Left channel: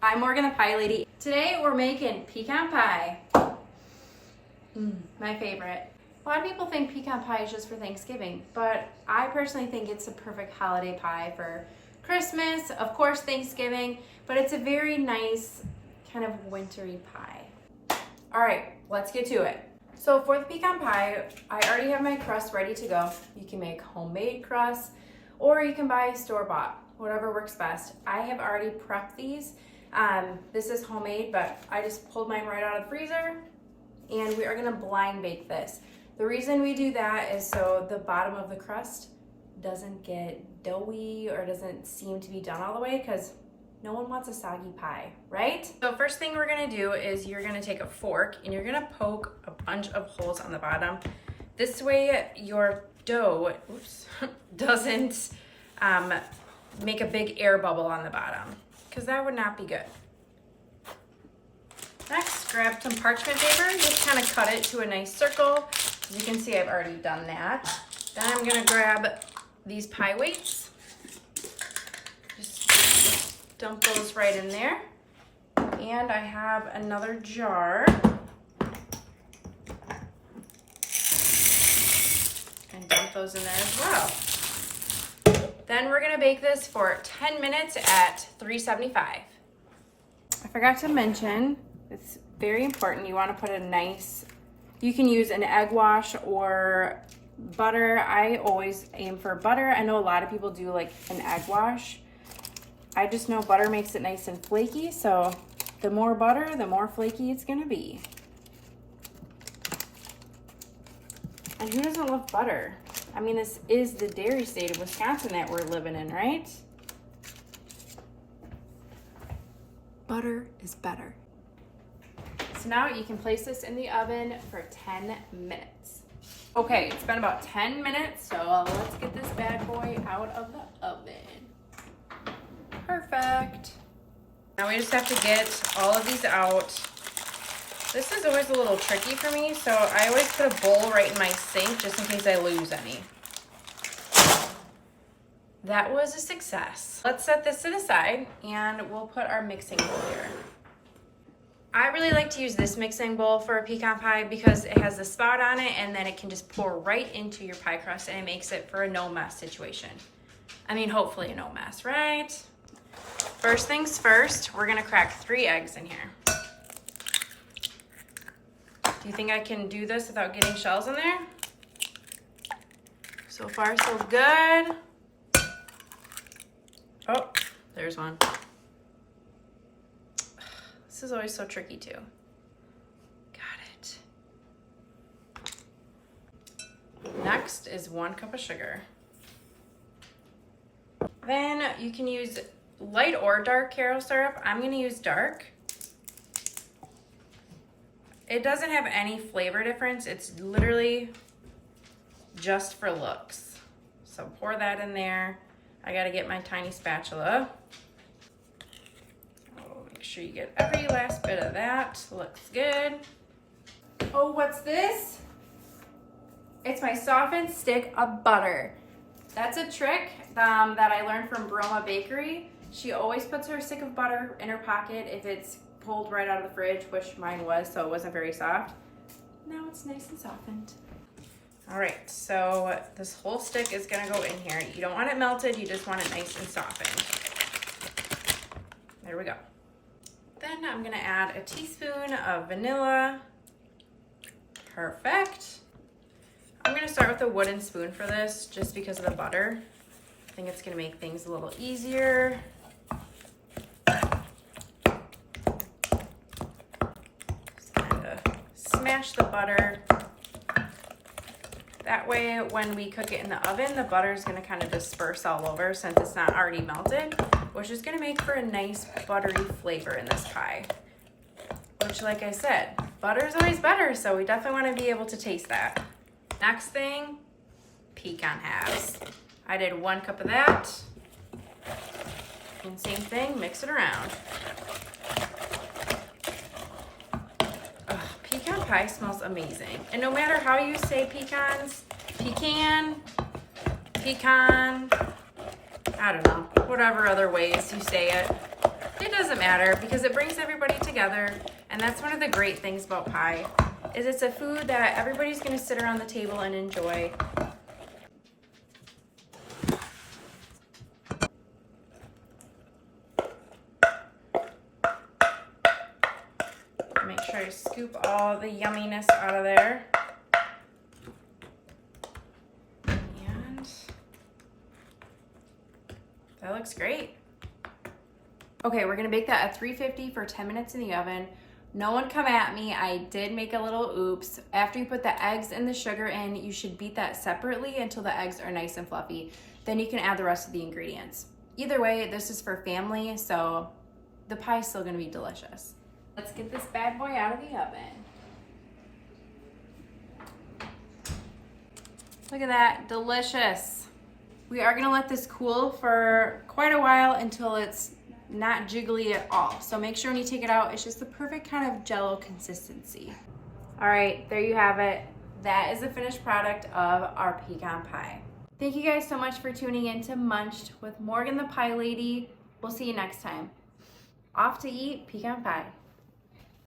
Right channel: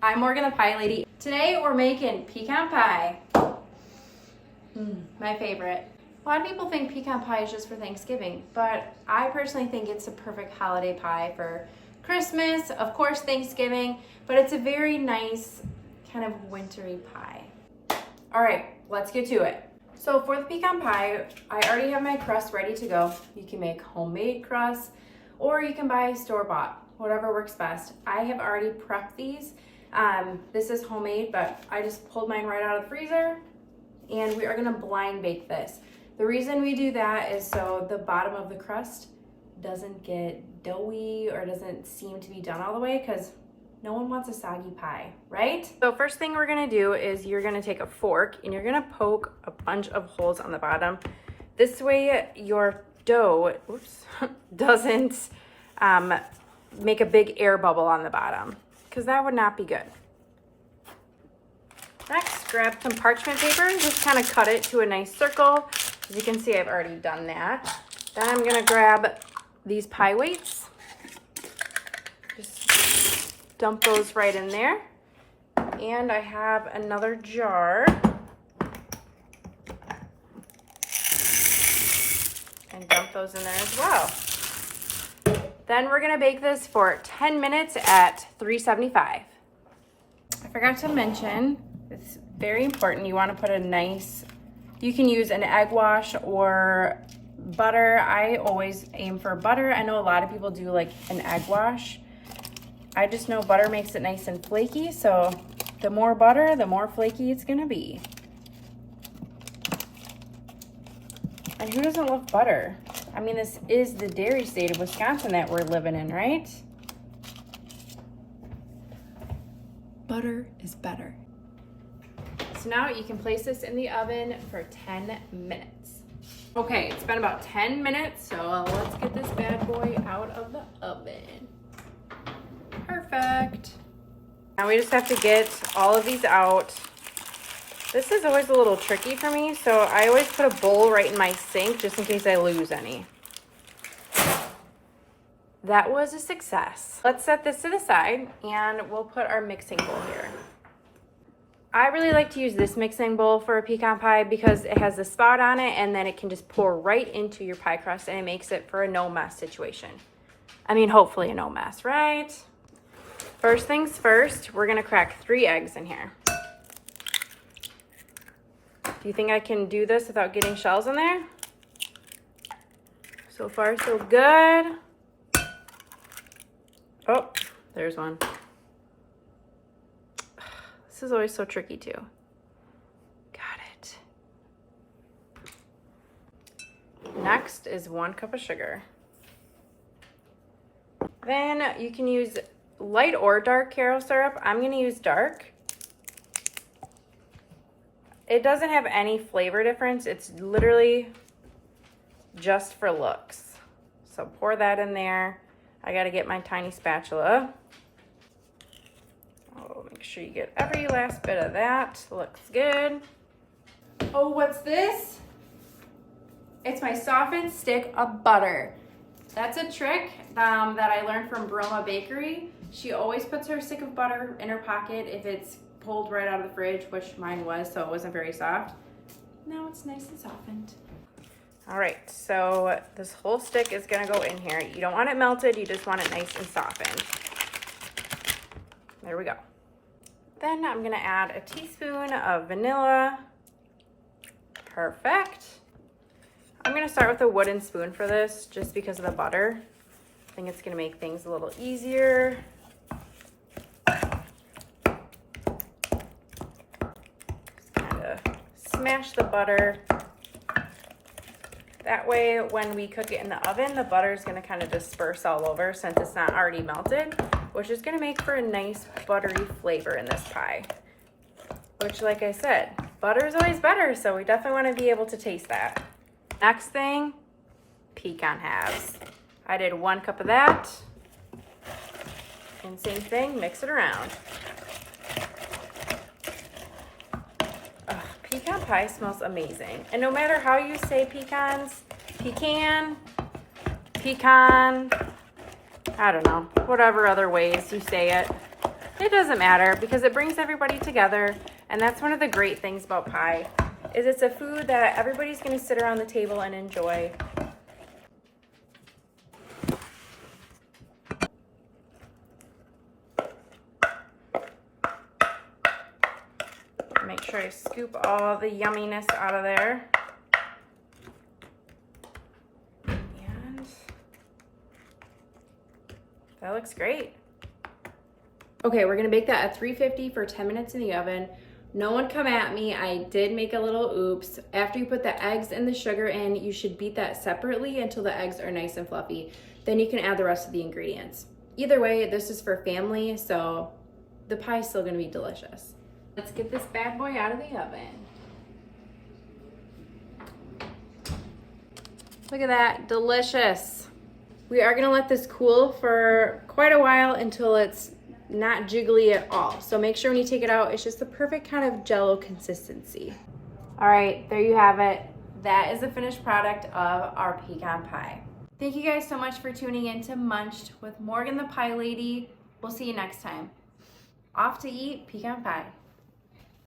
I'm Morgan the Pie Lady. Today we're making pecan pie. My favorite. A lot of people think pecan pie is just for Thanksgiving, but I personally think it's a perfect holiday pie for Christmas, of course Thanksgiving, but it's a very nice kind of wintry pie. All right, let's get to it. So for the pecan pie, I already have my crust ready to go. You can make homemade crust or you can buy store-bought, whatever works best. I have already prepped these. This is homemade, but I just pulled mine right out of the freezer, and we are gonna blind bake this. The reason we do that is so the bottom of the crust doesn't get doughy or doesn't seem to be done all the way, because no one wants a soggy pie, right? So first thing we're gonna do is you're gonna take a fork and you're gonna poke a bunch of holes on the bottom. This way your dough, doesn't make a big air bubble on the bottom, because that would not be good. Next, grab some parchment paper and just kind of cut it to a nice circle. As you can see, I've already done that. Then I'm gonna grab these pie weights. Just dump those right in there. And I have another jar. And dump those in there as well. Then we're gonna bake this for 10 minutes at 375. I forgot to mention, it's very important, you wanna put a nice, you can use an egg wash or butter. I always aim for butter. I know a lot of people do like an egg wash. I just know butter makes it nice and flaky, so the more butter, the more flaky it's gonna be. And who doesn't love butter? I mean, this is the dairy state of Wisconsin that we're living in, right? Butter is better. So now you can place this in the oven for 10 minutes. Okay, it's been about 10 minutes, so let's get this bad boy out of the oven. Perfect. Now we just have to get all of these out. This is always a little tricky for me, so I always put a bowl right in my sink just in case I lose any. That was a success. Let's set this to the side and we'll put our mixing bowl here. I really like to use this mixing bowl for a pecan pie because it has a spout on it and then it can just pour right into your pie crust and it makes it for a no mess situation. I mean, hopefully a no mess, right? First things first, we're gonna crack 3 eggs in here. Do you think I can do this without getting shells in there? So far, so good. Oh, there's one. This is always so tricky too. Got it. Next is 1 cup of sugar. Then you can use light or dark carob syrup. I'm gonna use dark. It doesn't have any flavor difference. It's literally just for looks. So pour that in there. I gotta get my tiny spatula. Oh, make sure you get every last bit of that. Looks good. Oh, what's this? It's my softened stick of butter. That's a trick that I learned from Broma Bakery. She always puts her stick of butter in her pocket if it's pulled right out of the fridge, which mine was, so it wasn't very soft. Now it's nice and softened. All right, so this whole stick is gonna go in here. You don't want it melted, you just want it nice and softened. There we go. Then I'm gonna add a teaspoon of vanilla. Perfect. I'm gonna start with a wooden spoon for this, just because of the butter. I think it's gonna make things a little easier. Smash the butter. That way, when we cook it in the oven, the butter is going to kind of disperse all over since it's not already melted, which is going to make for a nice buttery flavor in this pie. Which, like I said, butter is always better, so we definitely want to be able to taste that. Next thing, pecan halves. I did 1 cup of that. And same thing, mix it around. Pecan pie smells amazing. And no matter how you say pecans, pecan, I don't know, whatever other ways you say it, It doesn't matter because it brings everybody together, and that's one of the great things about pie, is it's a food that everybody's gonna sit around the table and enjoy. Make sure I scoop all the yumminess out of there. And that looks great. Okay, we're gonna bake that at 350 for 10 minutes in the oven. No one come at me, I did make a little oops. After you put the eggs and the sugar in, you should beat that separately until the eggs are nice and fluffy. Then you can add the rest of the ingredients. Either way, this is for family, so the pie is still gonna be delicious. Let's get this bad boy out of the oven. Look at that, delicious. We are gonna let this cool for quite a while until it's not jiggly at all. So make sure when you take it out, it's just the perfect kind of jello consistency. All right, there you have it. That is the finished product of our pecan pie. Thank you guys so much for tuning in to Munched with Morgan the Pie Lady. We'll see you next time. Off to eat pecan pie.